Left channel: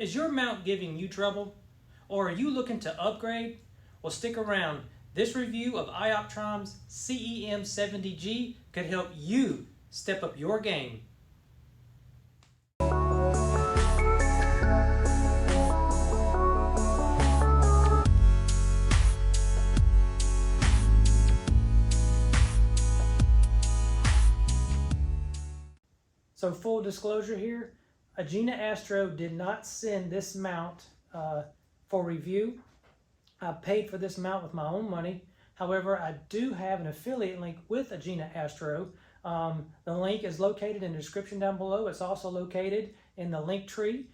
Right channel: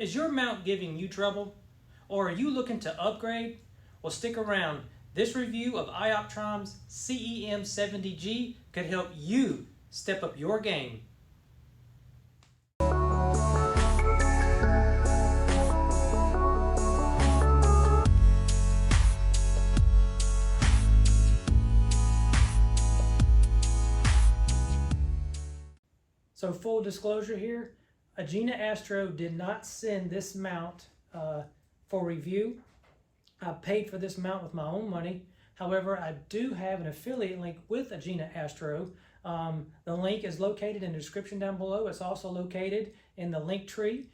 Is your mount giving you trouble? Or are you looking to upgrade? Well, stick around. This review of iOptron's CEM70G could help you step up your game. So full disclosure here, Agena Astro did not send this mount for review. I paid for this mount with my own money. However, I do have an affiliate link with Agena Astro. The link is located in the description down below. It's also located in the link tree.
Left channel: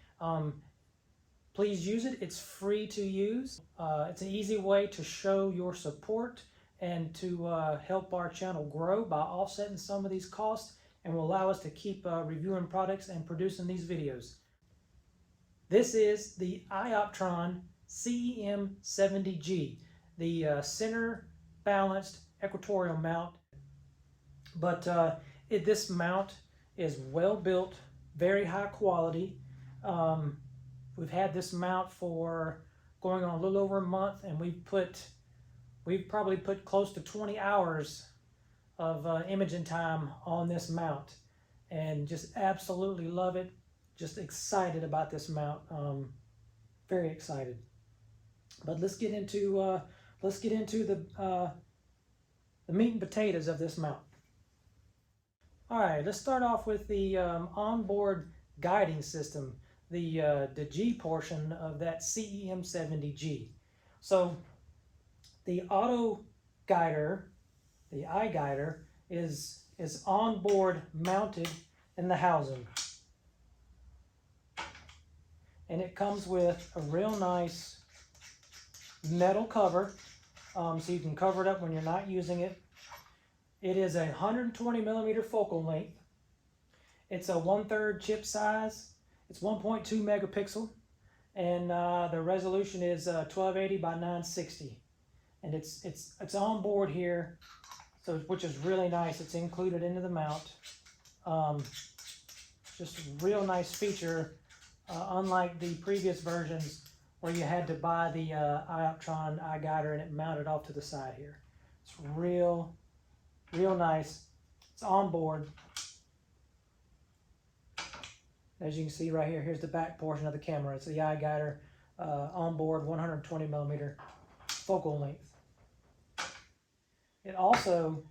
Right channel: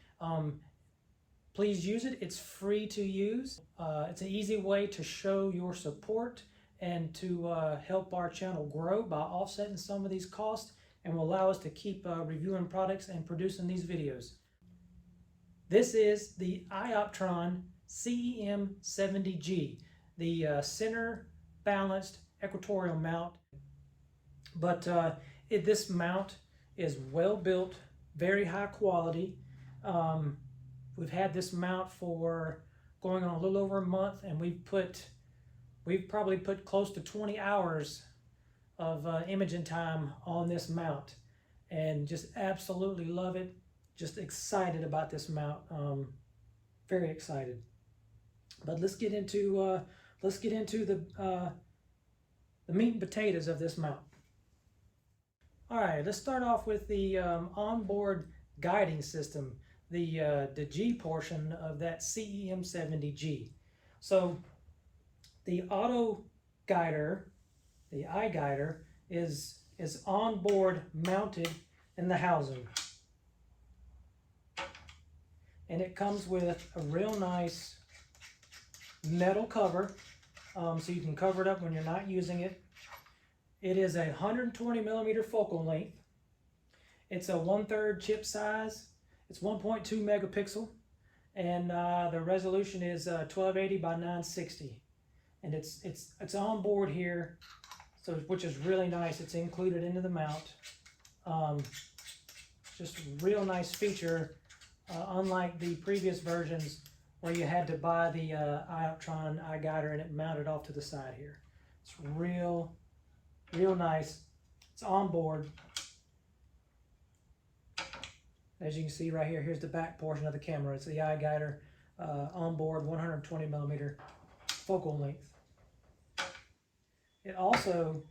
Please use it. It's free to use. It's an easy way to show your support and to help our channel grow by offsetting some of these costs, and will allow us to keep reviewing products and producing these videos. This is the iOptron CEM70G, the center balanced equatorial mount. But this mount is well built, very high quality. We've had this mount for going on a little over a month, and we've probably put close to 20 hours of imaging time on this mount, and just absolutely love it. Just excited about this mount, very excited. But let's get into the meat and potatoes of this mount. All right, let's start off with the onboard guiding system, the G portion of that CEM70G. So the auto guider, the eye guider, is on board mounted in the housing, and it comes with a real nice metal cover, so you can cover it up when you're not using it. It is a 120 millimeter focal length. It's a 1/3 chip size. It's 1.2 megapixel, and the resolution is 1280 by 960, and it's on board here. So, which is really nice. It's included into the mount. Just a real nice feature, unlike the previous versions where you had to buy the iOptron eye guider and it mounted off to the side here. It's real nice. It's on board. As you can see right here, here's the back portion of the camera. It's the eye guider, on board, 120 millimeter focal length. It also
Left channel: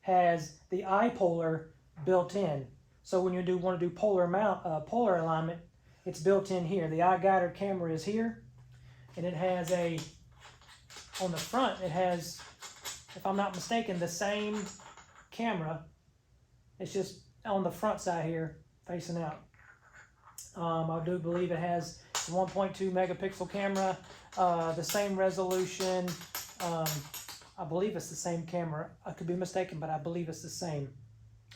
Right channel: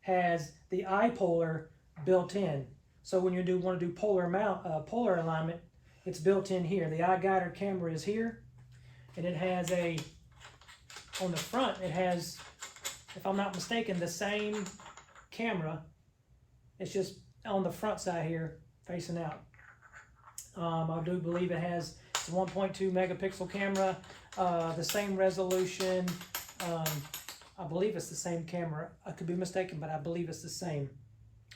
has the eye polar built in. So when you want to do polar alignment, it's built in here. The eye guider camera is here, and it has on the front, it has, if I'm not mistaken, the same camera. It's just on the front side here, facing out. I do believe it has a 1.2 megapixel camera, the same resolution. I believe it's the same camera. I could be mistaken, but I believe it's the same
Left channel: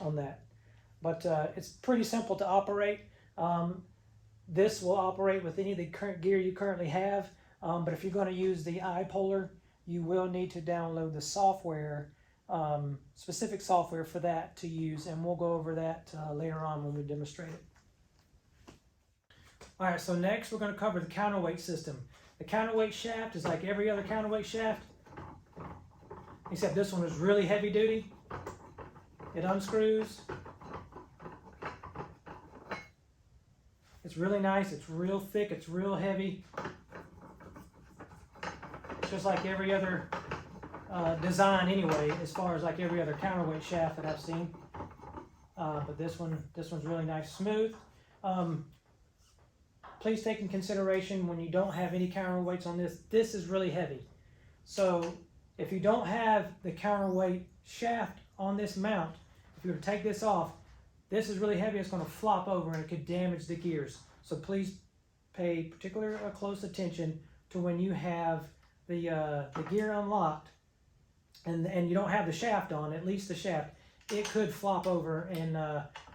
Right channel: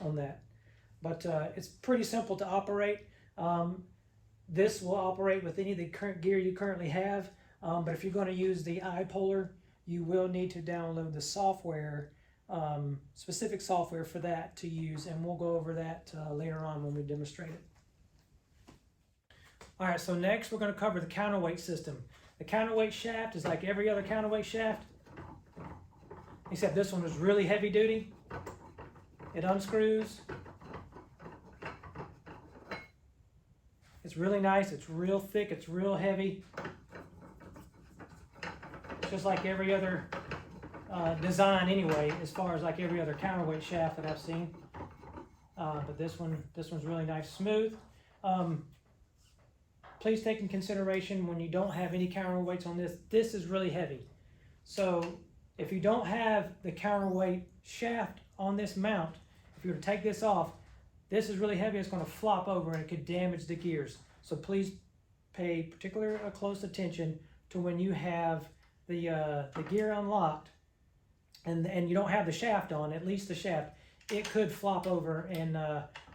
on that. But it's pretty simple to operate. This will operate with any of the current gear you currently have. But if you're going to use the eye polar, you will need to download the software, specific software for that to use, and we'll go over that later on when we demonstrate it. All right, so next we're going to cover the counterweight system. The counterweight shaft is like every other counterweight shaft, except this one is really heavy duty. It unscrews. It's really nice. It's real thick. It's real heavy. Just like every other design anyway, as far as like every other counterweight shaft that I've seen. But this one's really nice, smooth. Please take in consideration when you don't have any counterweights on this, this is really heavy. So if you don't have the counterweight shaft on this mount, if you were to take this off, this is really heavy. It's going to flop over and it could damage the gears. So please pay particular close attention to when you have the gear unlocked and you don't have the shaft on, at least the shaft. It could flop over and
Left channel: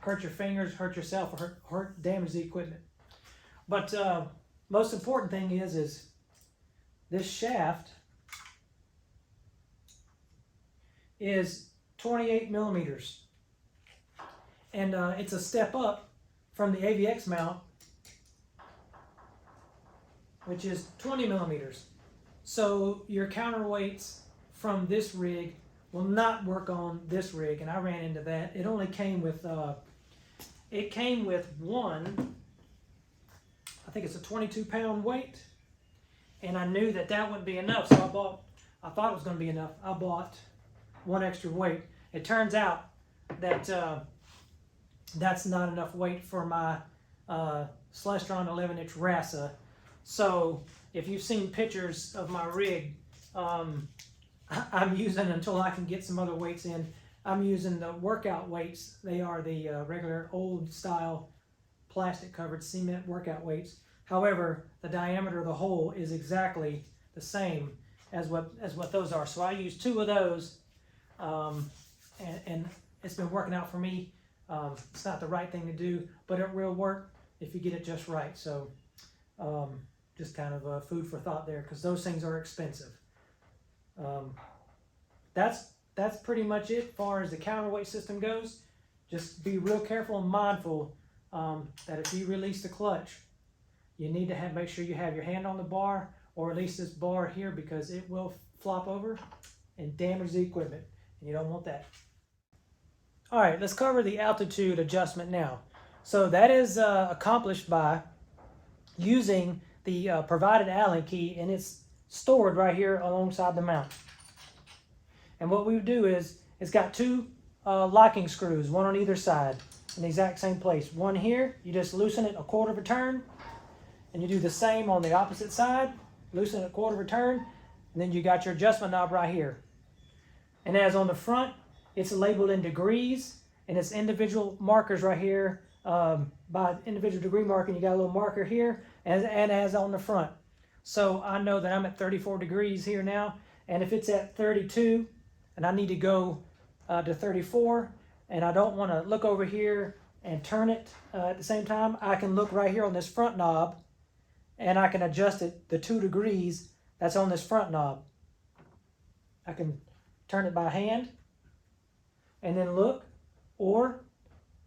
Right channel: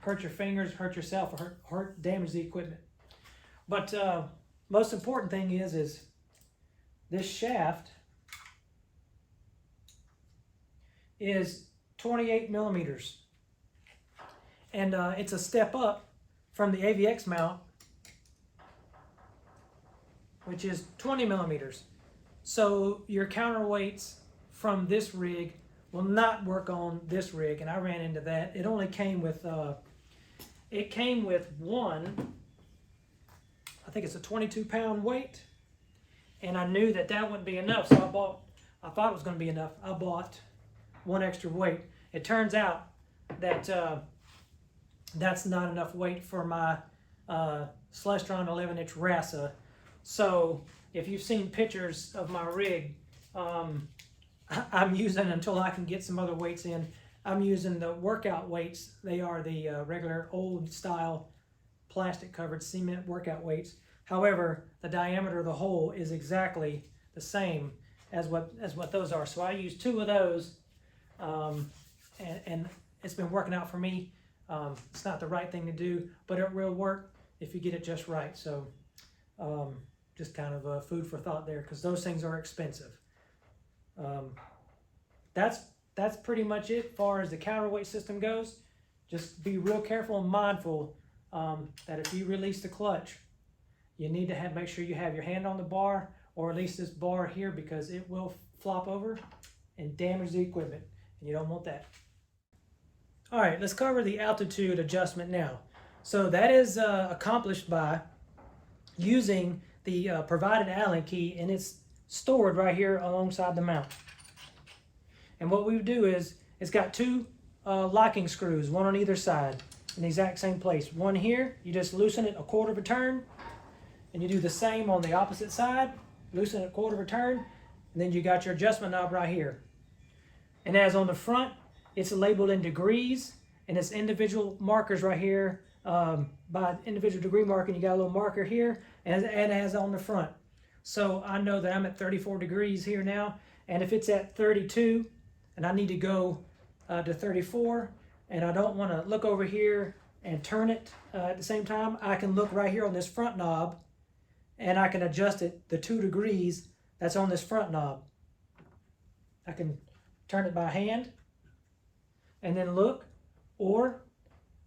hurt your fingers, hurt yourself, or damage the equipment. But most important thing is this shaft is 28 millimeters. And it's a step up from the AVX mount which is 20 millimeters. So your counterweights from this rig will not work on this rig, and I ran into that. It only came with one, I think it's a 22-pound weight, and I knew that that wouldn't be enough, so I thought it was going to be enough. I bought one extra weight. It turns out that that's not enough weight for my Celestron 11-inch RASA. So if you've seen pictures of my rig, I'm using, until I can get some other weights in, I'm using the workout weights. They are the regular old style plastic covered cement workout weights. However, the diameter of the hole is exactly the same as what those are. So I use 2 of those, and it's been working out for me. It's not the right thing to do, but it will work if you get it just right. So just kind of food for thought there, because those things are expensive. That's pretty much it as far as the counterweight system goes. Just be real careful and mindful that if you release the clutch, you need to make sure you have your hand on the bar, or at least this bar here, because it will flop over and damage the equipment, and you don't want that. All right, let's cover the altitude adjustment now. So that is accomplished by using the provided Allen key, and it's stored right here alongside the mount. And what we do is, it's got 2 locking screws, one on either side, in the exact same place. One here, you just loosen it a 1/4 of a turn, and you do the same on the opposite side, loosen it a 1/4 of a turn, and then you got your adjustment knob right here. And as on the front, it's labeled in degrees, and it's individual markers right here. By individual degree marking, you got a little marker here, and as on the front. So I know that I'm at 34 degrees here now, and if it's at 32, and I need to go to 34, and I don't want to look over here and turn it at the same time, I can look right here on this front knob, and I can adjust it the 2 degrees that's on this front knob. I can turn it by hand and then look, or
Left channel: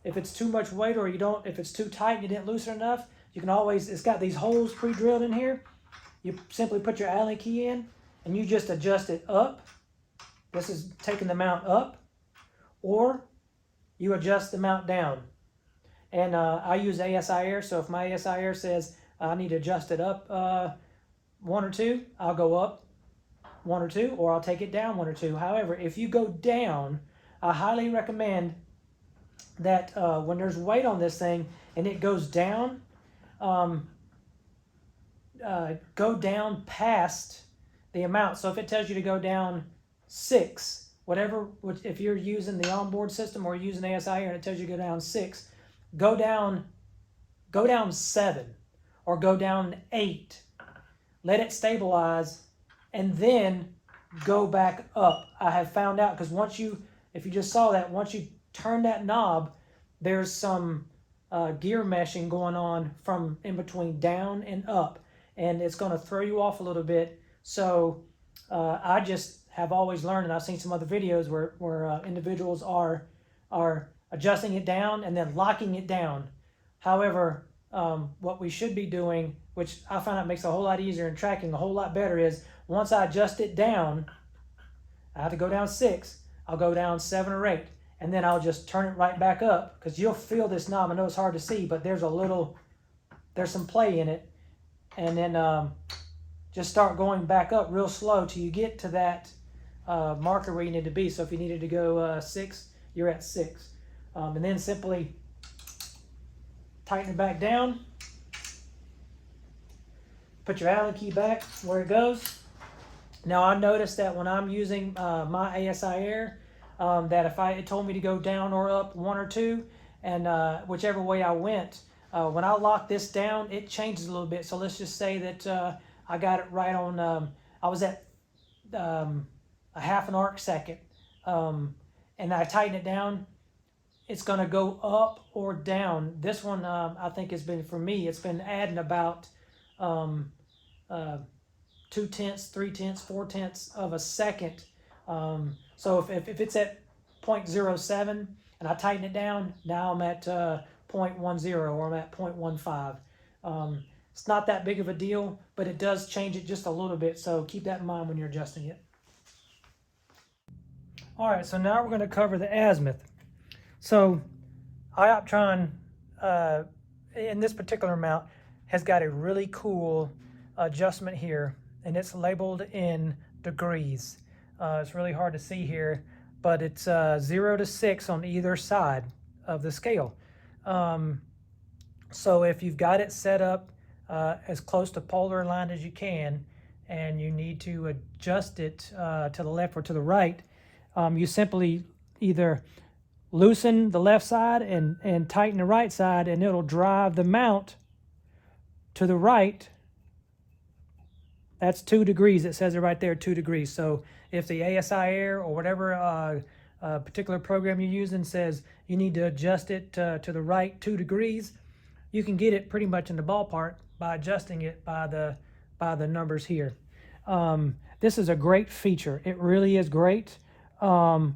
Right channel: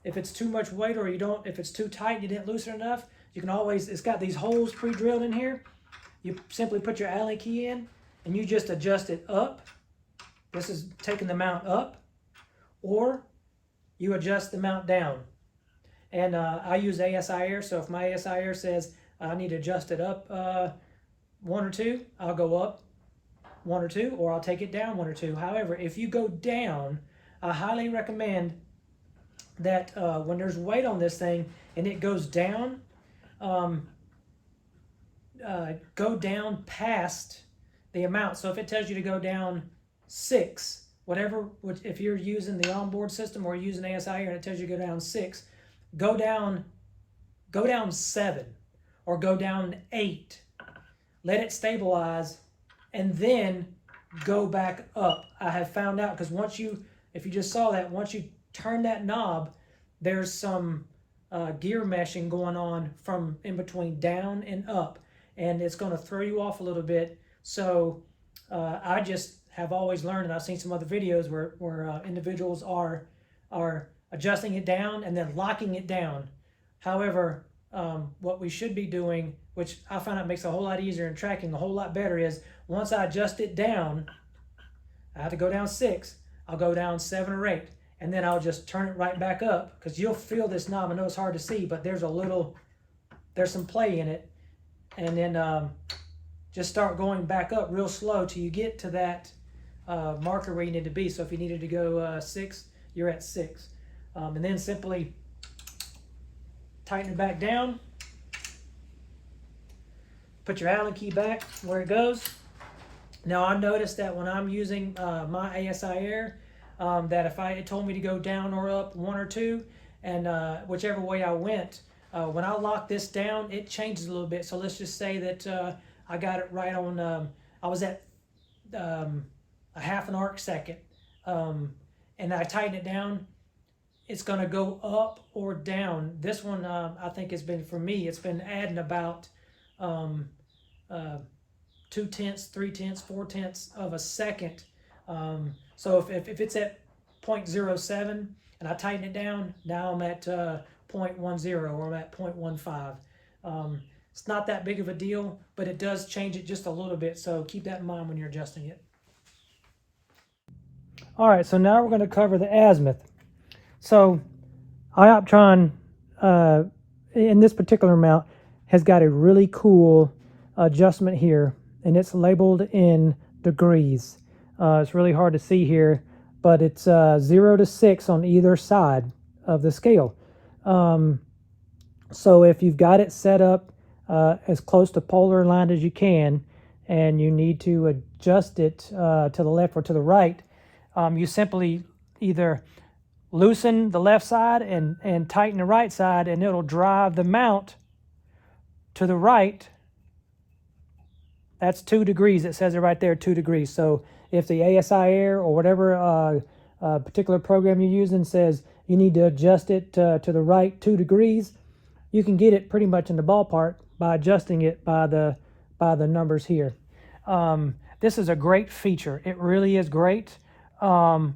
if it's too much weight, or if it's too tight and you didn't loosen enough, you can always, it's got these holes pre-drilled in here. You simply put your Allen key in, and you just adjust it up. This is taking the mount up, or you adjust the mount down. And I use ASI AIR, so if my ASI AIR says I need to adjust it up 1 or 2, I'll go up 1 or 2, or I'll take it down 1 or 2. However, if you go down, I highly recommend that when there's weight on this thing and it goes down, go down past the amount. So if it tells you to go down 6, whatever, if you're using the onboard system or using ASI AIR and it tells you to go down 6, go down 7 or go down 8. Let it stabilize and then go back up. I have found out, because if you just saw that, once you turn that knob, there's some gear meshing going on from in between down and up, and it's going to throw you off a little bit. So I just have always learned, and I've seen some other videos where individuals are adjusting it down and then locking it down. However, what we should be doing, which I find out makes it a whole lot easier and tracking a whole lot better, is once I adjust it down, I have to go down 6, I'll go down 7 or 8, and then I'll just turn it right back up, because you'll feel this knob. I know it's hard to see, but there's some play in it. And then just start going back up real slow till you get to that marker where you need to be. So if you needed to go 6, you're at 6. And then simply tighten it back down. Put your Allen key back where it goes. Now I noticed that when I'm using my ASI AIR, that if it told me to go down or up 1 or 2, and whichever way I went, when I lock this down, it changes a little bit. So let's just say that I got it right on, I was at a 1/2 arc second, and I tighten it down, it's going to go up or down. This one, I think has been, for me, it's been adding about 2/10, 3/10, 4/10 of a second. So if it's at 0.07 and I tighten it down, now I'm at 0.10 or I'm at 0.15. It's not that big of a deal, but it does change it just a little bit, so keep that in mind when you're adjusting it. All right, so now we're going to cover the azimuth. So iOptron, in this particular mount, has got a really cool adjustment here, and it's labeled in degrees. It's really hard to see here, but it's 0 to 6 on either side of the scale. So if you've got it set up as close to polar aligned as you can, and you need to adjust it to the left or to the right, you simply either loosen the left side and tighten the right side, and it'll drive the mount to the right. That's 2 degrees. It says it right there, 2 degrees. So if the ASI AIR or whatever particular program you're using says you need to adjust it to the right 2 degrees, you can get it pretty much in the ballpark by adjusting it by the numbers here. This is a great feature. It really is great. I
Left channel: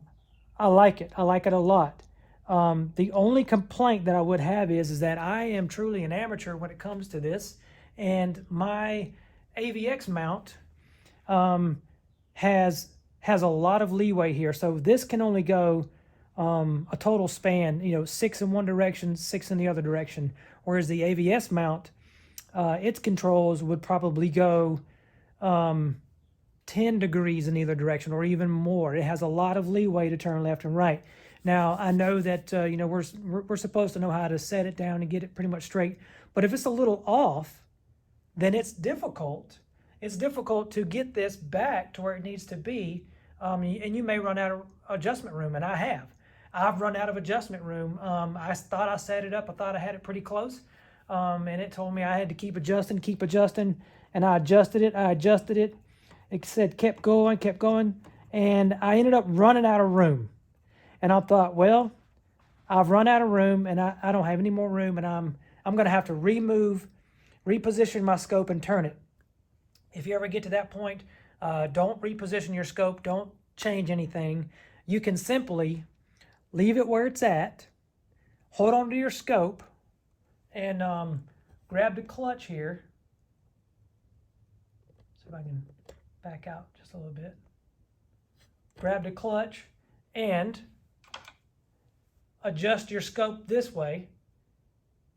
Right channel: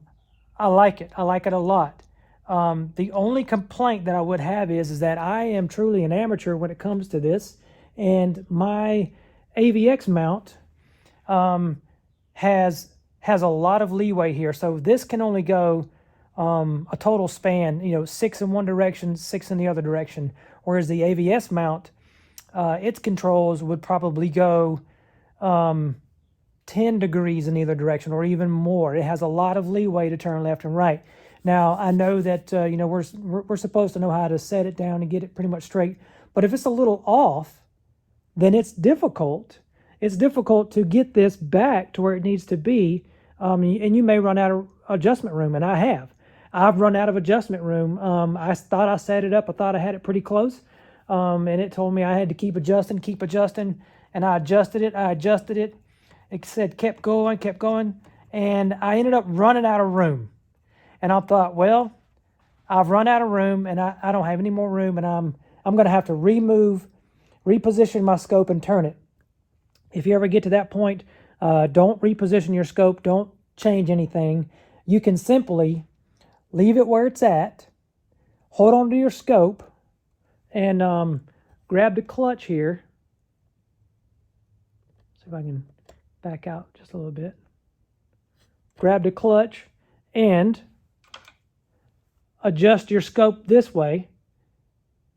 like it. I like it a lot. The only complaint that I would have is that I am truly an amateur when it comes to this, and my AVX mount has a lot of leeway here. So this can only go a total span, 6 in one direction, 6 in the other direction, whereas the AVS mount, its controls would probably go 10 degrees in either direction or even more. It has a lot of leeway to turn left and right. Now, I know that we're supposed to know how to set it down and get it pretty much straight, but if it's a little off, then it's difficult. It's difficult to get this back to where it needs to be, and you may run out of adjustment room, and I have. I've run out of adjustment room. I thought I set it up. I thought I had it pretty close, and it told me I had to keep adjusting, and I adjusted it. It said kept going, and I ended up running out of room. And I thought, well, I've run out of room, and I don't have any more room, and I'm going to have to reposition my scope and turn it. If you ever get to that point, don't reposition your scope. Don't change anything. You can simply leave it where it's at, hold on to your scope, and grab the clutch here. See if I can back out just a little bit. Grab the clutch and adjust your scope this way,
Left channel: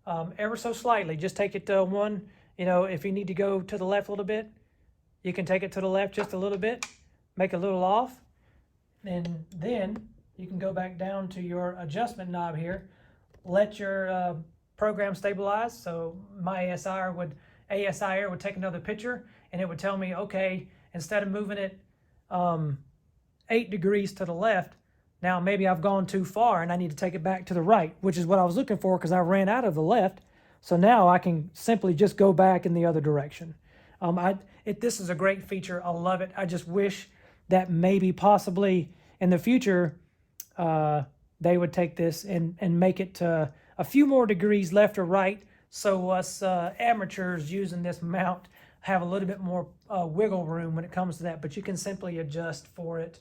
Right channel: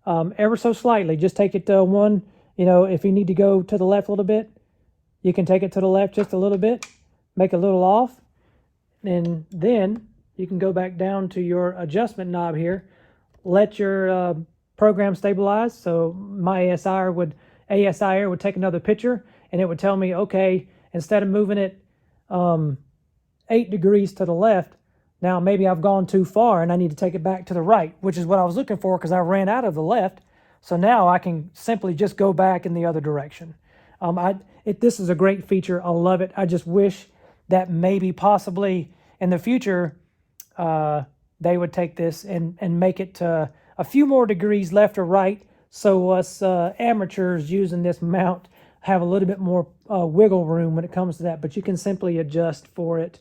ever so slightly. Just take it to one, if you need to go to the left a little bit, you can take it to the left just a little bit, make it a little off, and then you can go back down to your adjustment knob here, let your program stabilize. So my ASI AIR would take another picture, and it would tell me, okay, instead of moving it 8 degrees to the left, now maybe I've gone too far and I need to take it back to the right, which is what I was looking for because I ran out of the left. So now I can simply just go back in the other direction. This is a great feature. I love it. I just wish that maybe possibly in the future they would take this and make it a few more degrees left or right, so us amateurs using this mount have a little bit more wiggle room when it comes to that. But you can simply adjust for it.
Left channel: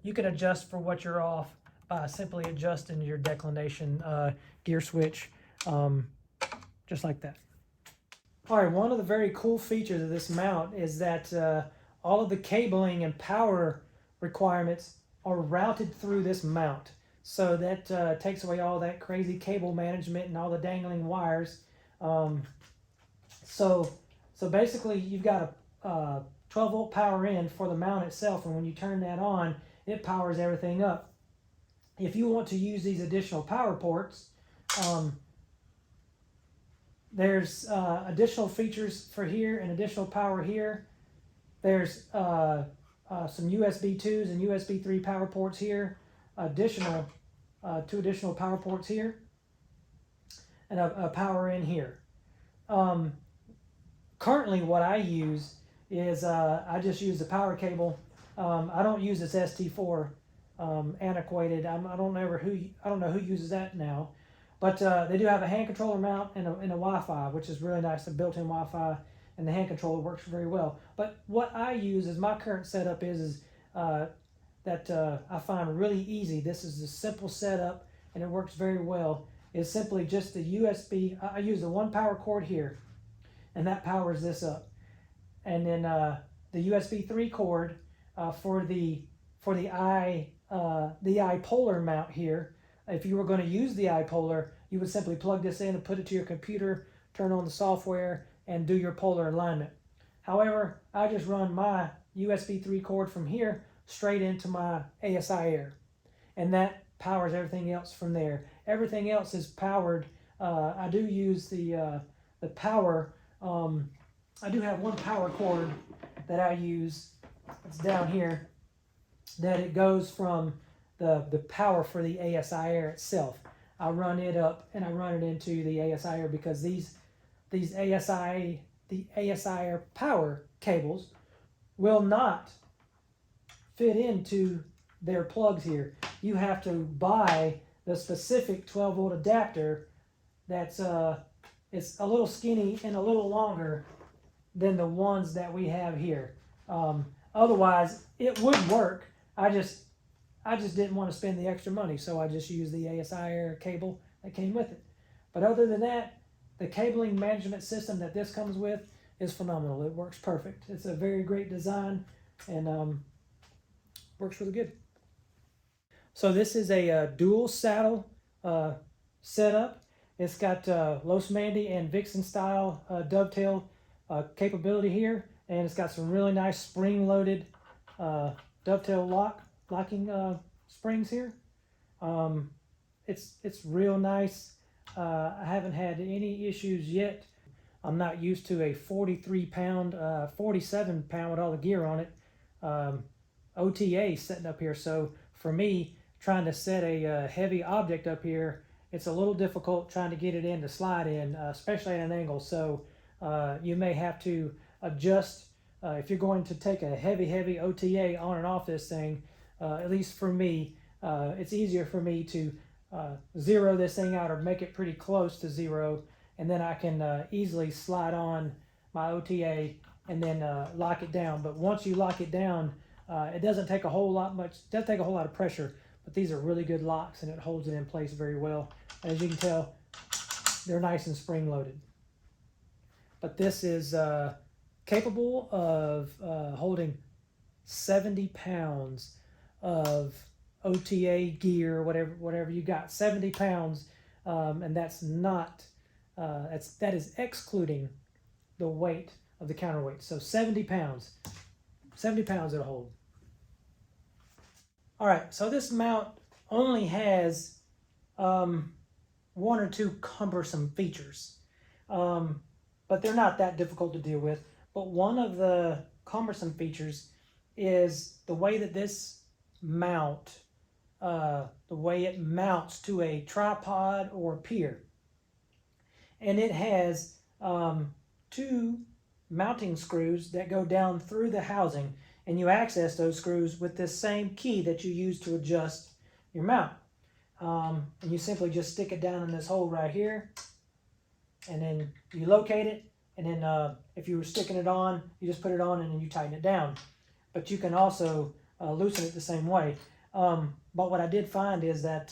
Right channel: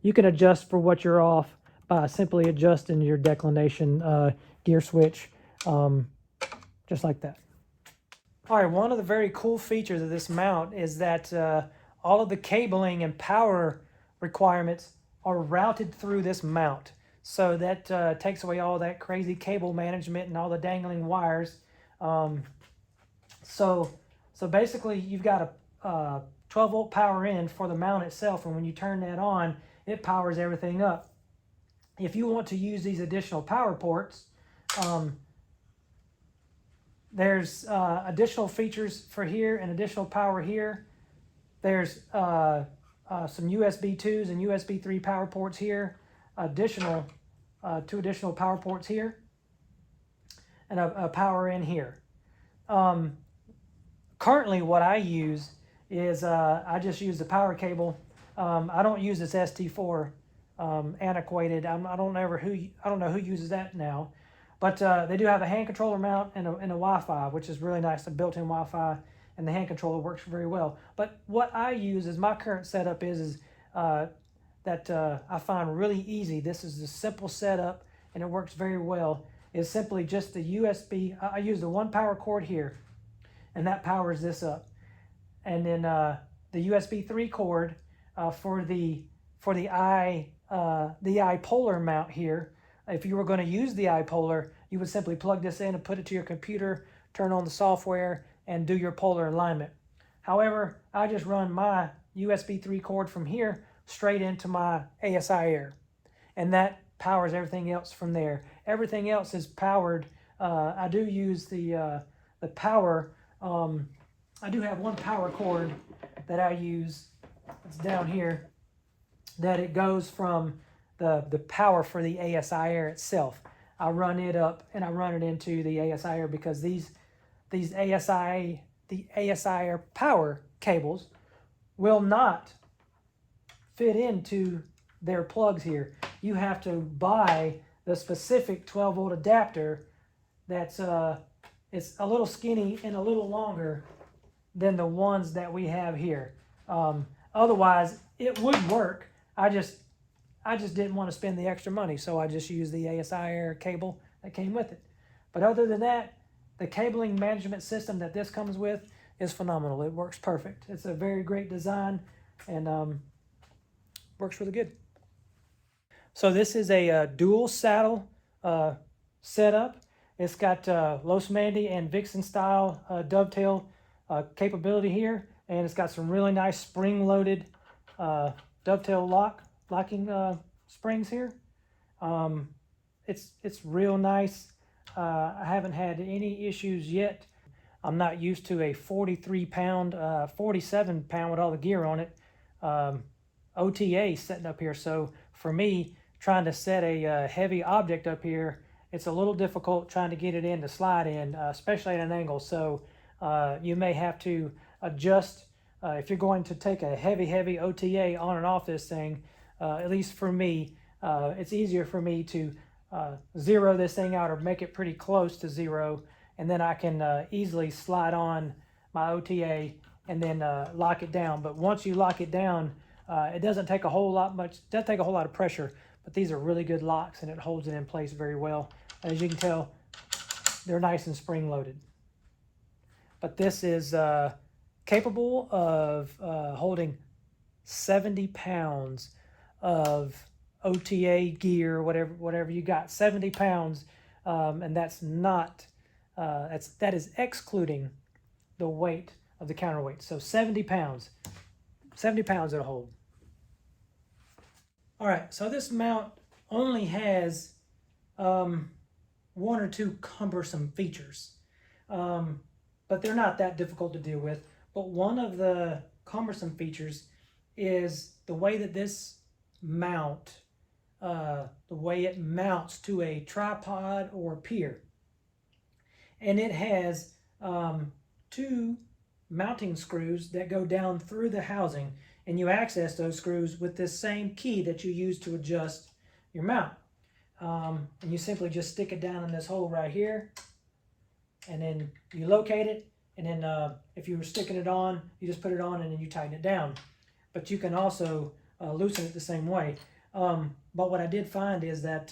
You can adjust for what you're off by simply adjusting your declination gear switch, just like that. All right, one of the very cool features of this mount is that all of the cabling and power requirements are routed through this mount. So that takes away all that crazy cable management and all the dangling wires. So basically you've got a 12 volt power in for the mount itself, and when you turn that on, it powers everything up. If you want to use these additional power ports, there's additional features for here and additional power here. There's some USB 2s and USB 3 power ports here, additional 2 additional power ports here, and a power in here. Currently what I use is I just use the power cable. I don't use this ST4 antiquated. I don't know who uses that now, but they do have a hand controller mount and a Wi-Fi, which is really nice. A built-in Wi-Fi, and the hand controller works very well. But what I use is my current setup is that I find really easy. This is a simple setup, and it works very well. Is simply just the USB. I use the one power cord here, and that powers this up. And then the USB 3 cord for the iPolar mount here. If you were going to use the iPolar, you would simply plug this in and put it to your computer, turn on the software, and do your polar alignment. However, I just run my USB 3 cord from here straight into my ASI AIR, and that powers everything else from there. Everything else is powered. I do use the power. I do have one power cord that I use. It's down here. That it goes from the power for the ASI AIR itself. I run it up and I run it into the ASI AIR because the ASI AIR power cables will not fit into their plugs here. You have to buy the specific 12-volt adapter that's it's a little skinny and a little longer than the ones that we have here. Otherwise, it would work. I just didn't want to spend the extra money, so I just used the ASI AIR cable that came with it. But other than that, the cabling management system that this comes with is phenomenal. It works perfect. It's a very great design and works really good. So this is a dual saddle setup. It's got Los Mandy and Vixen style dovetail capability here, and it's got some really nice spring-loaded dovetail locking springs here. It's real nice. I haven't had any issues yet. I'm not used to a 43-pound, 47-pound with all the gear on it OTA setting up here. So for me, trying to set a heavy object up here, it's a little difficult trying to get it in to slide in, especially at an angle. So you may have to adjust if you're going to take a heavy OTA on and off this thing. At least for me, it's easier for me to zero this thing out or make it pretty close to zero, and then I can easily slide on my OTA and then lock it down. But once you lock it down, it doesn't take a whole lot of pressure, but these are really good locks and it holds it in place very well. As you can tell, they're nice and spring loaded. But this is capable of holding 70 pounds of OTA gear, whatever you got, 70 pounds, and that's not, that is excluding the weight of the counterweight. So 70 pounds it'll hold. All right, so this mount only has one or two cumbersome features, but they're not that difficult to deal with. But one of the cumbersome features is the way that this mount, the way it mounts to a tripod or pier. And it has two mounting screws that go down through the housing, and you access those screws with this same key that you use to adjust your mount. And you simply just stick it down in this hole right here, and then you locate it, and then if you were sticking it on, you just put it on and then you tighten it down. But you can also loosen it the same way. But what I did find is that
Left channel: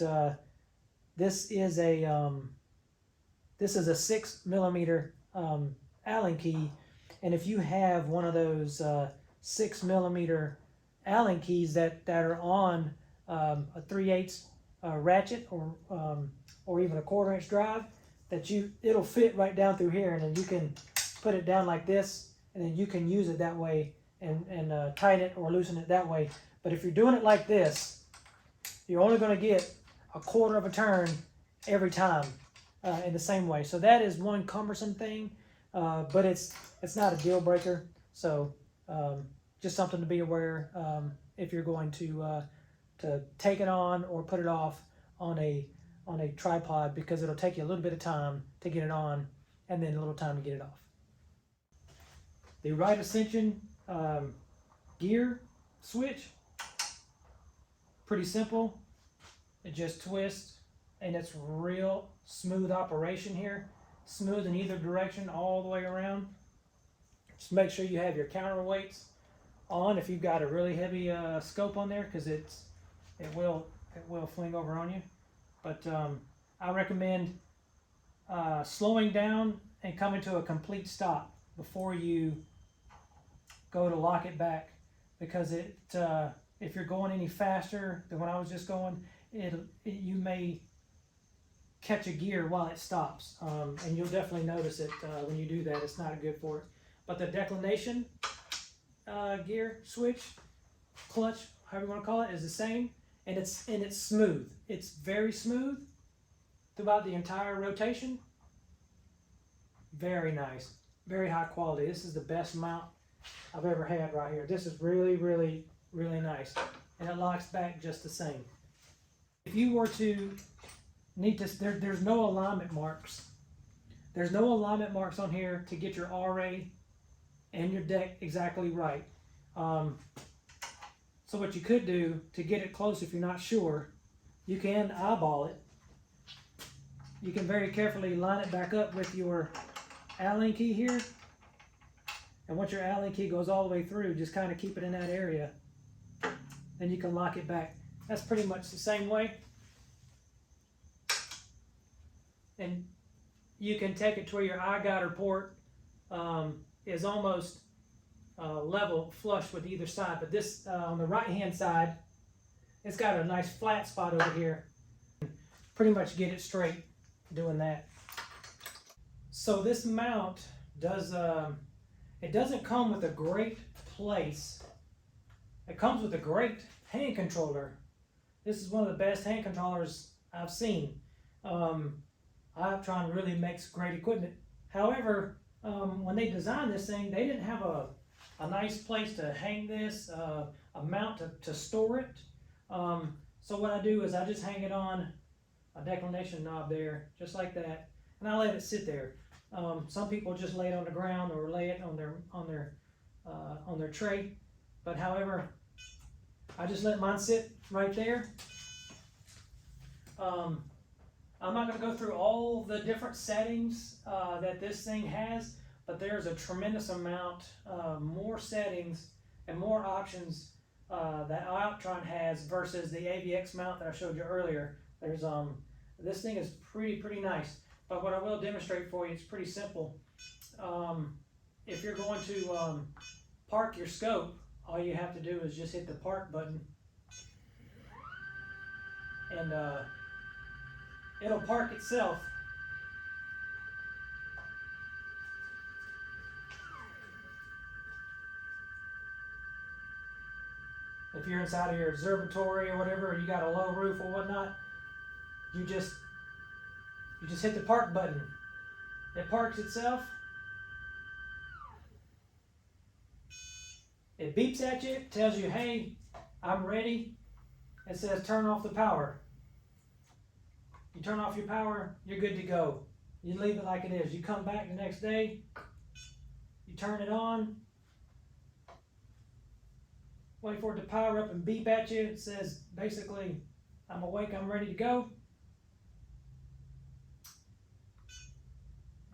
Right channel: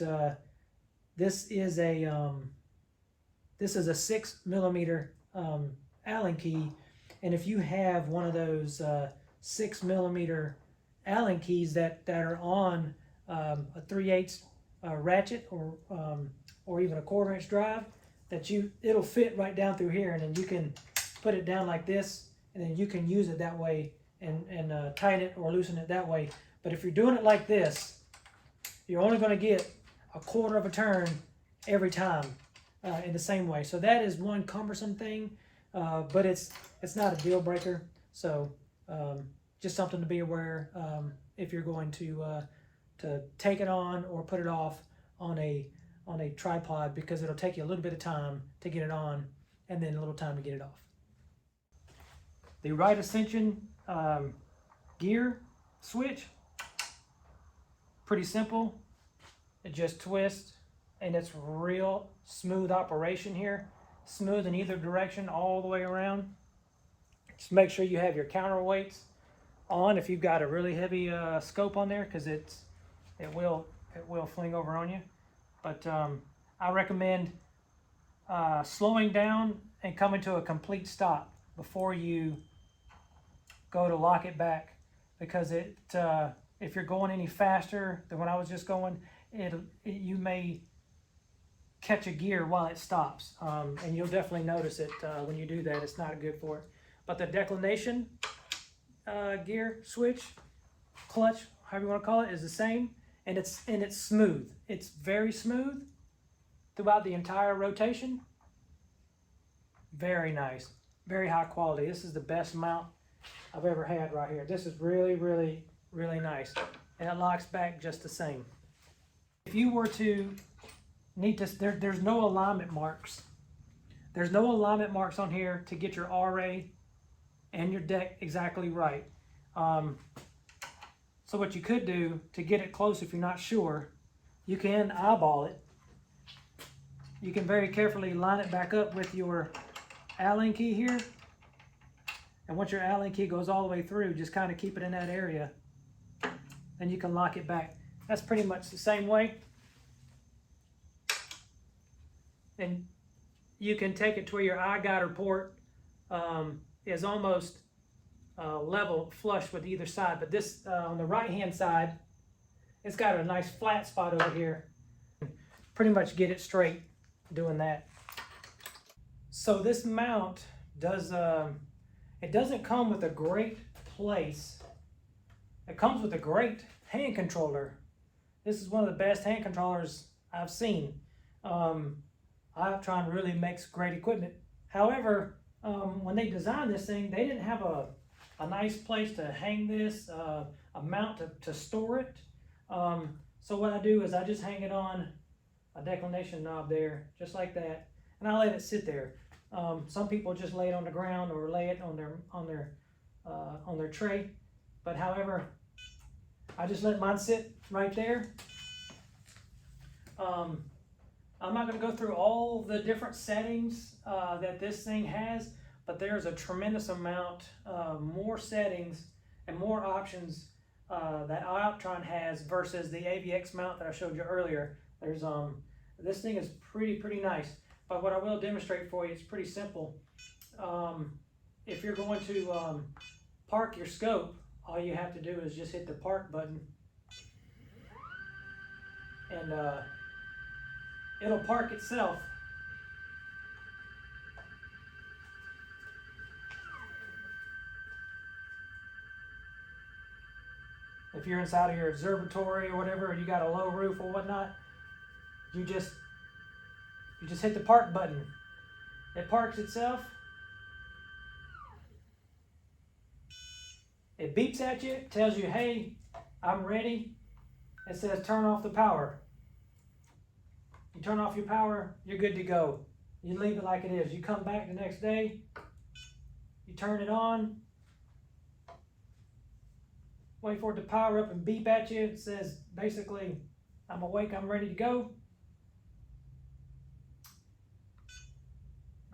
this is a 6mm Allen key, and if you have one of those 6mm Allen keys that are on a 3/8 ratchet or even a 1/4-inch drive, that it'll fit right down through here, and then you can put it down like this, and then you can use it that way and tighten it or loosen it that way. But if you're doing it like this, you're only going to get a 1/4 of a turn every time in the same way. So that is one cumbersome thing, but it's not a deal breaker. So just something to be aware if you're going to take it on or put it off on a tripod, because it'll take you a little bit of time to get it on and then a little time to get it off. The right ascension gear switch, pretty simple. It just twists, and it's real smooth operation here. Smooth in either direction all the way around. Just make sure you have your counterweights on if you've got a really heavy scope on there, because it will fling over on you. But I recommend slowing down and come into a complete stop before you go to lock it back, because if you're going any faster than when I was just going, you may catch a gear while it stops, and you'll definitely notice it when you do that. It's not good for it. But the declination gear switch, clutch, however you want to call it, is the same, and it's smooth. It's very smooth throughout the entire rotation. Very nice, very high quality. This is the best mount I've ever had right here. This is really, really, really nice, and it locks back just the same. If you were to need to, there's no alignment marks. There's no alignment marks on here to get your RA and your deck exactly right. So what you could do to get it close, if you're not sure, you can eyeball it. You can very carefully line it back up with your Allen key here. And once your Allen key goes all the way through, just kind of keep it in that area. Then you can lock it back. That's pretty much the same way. And you can take it to where your eye guider port is almost level flush with either side. But this, on the right hand side, it's got a nice flat spot over here. Pretty much get it straight doing that. So this mount does, it doesn't come with a great place. It comes with a great hand controller. This is one of the best hand controllers I've seen. iOptron really makes great equipment. However, when they designed this thing, they didn't have a nice place to hang this, a mount to store it. So what I do is I just hang it on a declination knob there, just like that, and I let it sit there. Some people just lay it on the ground or lay it on their tray, but however, I just let mine sit right there. I'm not going to go through all the different settings that this thing has, but there's a tremendous amount more settings and more options that iOptron has versus the AVX mount that I showed you earlier. There's this thing is pretty nice, but what I will demonstrate for you, it's pretty simple. If you're going to park your scope, all you have to do is just hit the park button, and it'll park itself. If you're inside of your observatory or whatever, or you got a low roof or whatnot, you just hit the park button. It parks itself. It beeps at you, tells you, hey, I'm ready. It says turn off the power. You turn off your power, you're good to go. You leave it like it is. You come back the next day, you turn it on, wait for it to power up and beep at you. It says basically, I'm awake, I'm ready to go.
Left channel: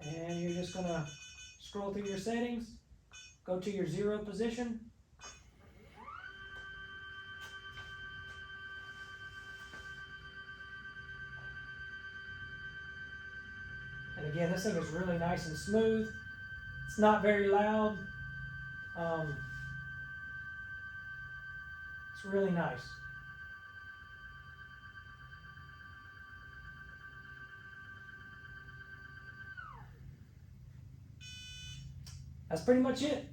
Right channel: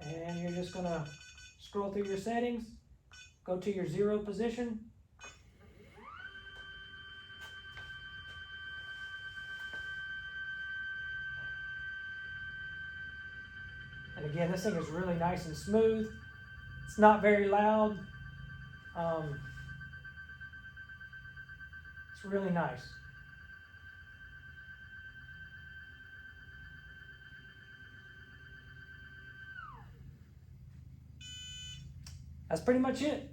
And you're just gonna scroll through your settings, go to your 0 position. And again, this thing is really nice and smooth. It's not very loud. It's really nice. That's pretty much it.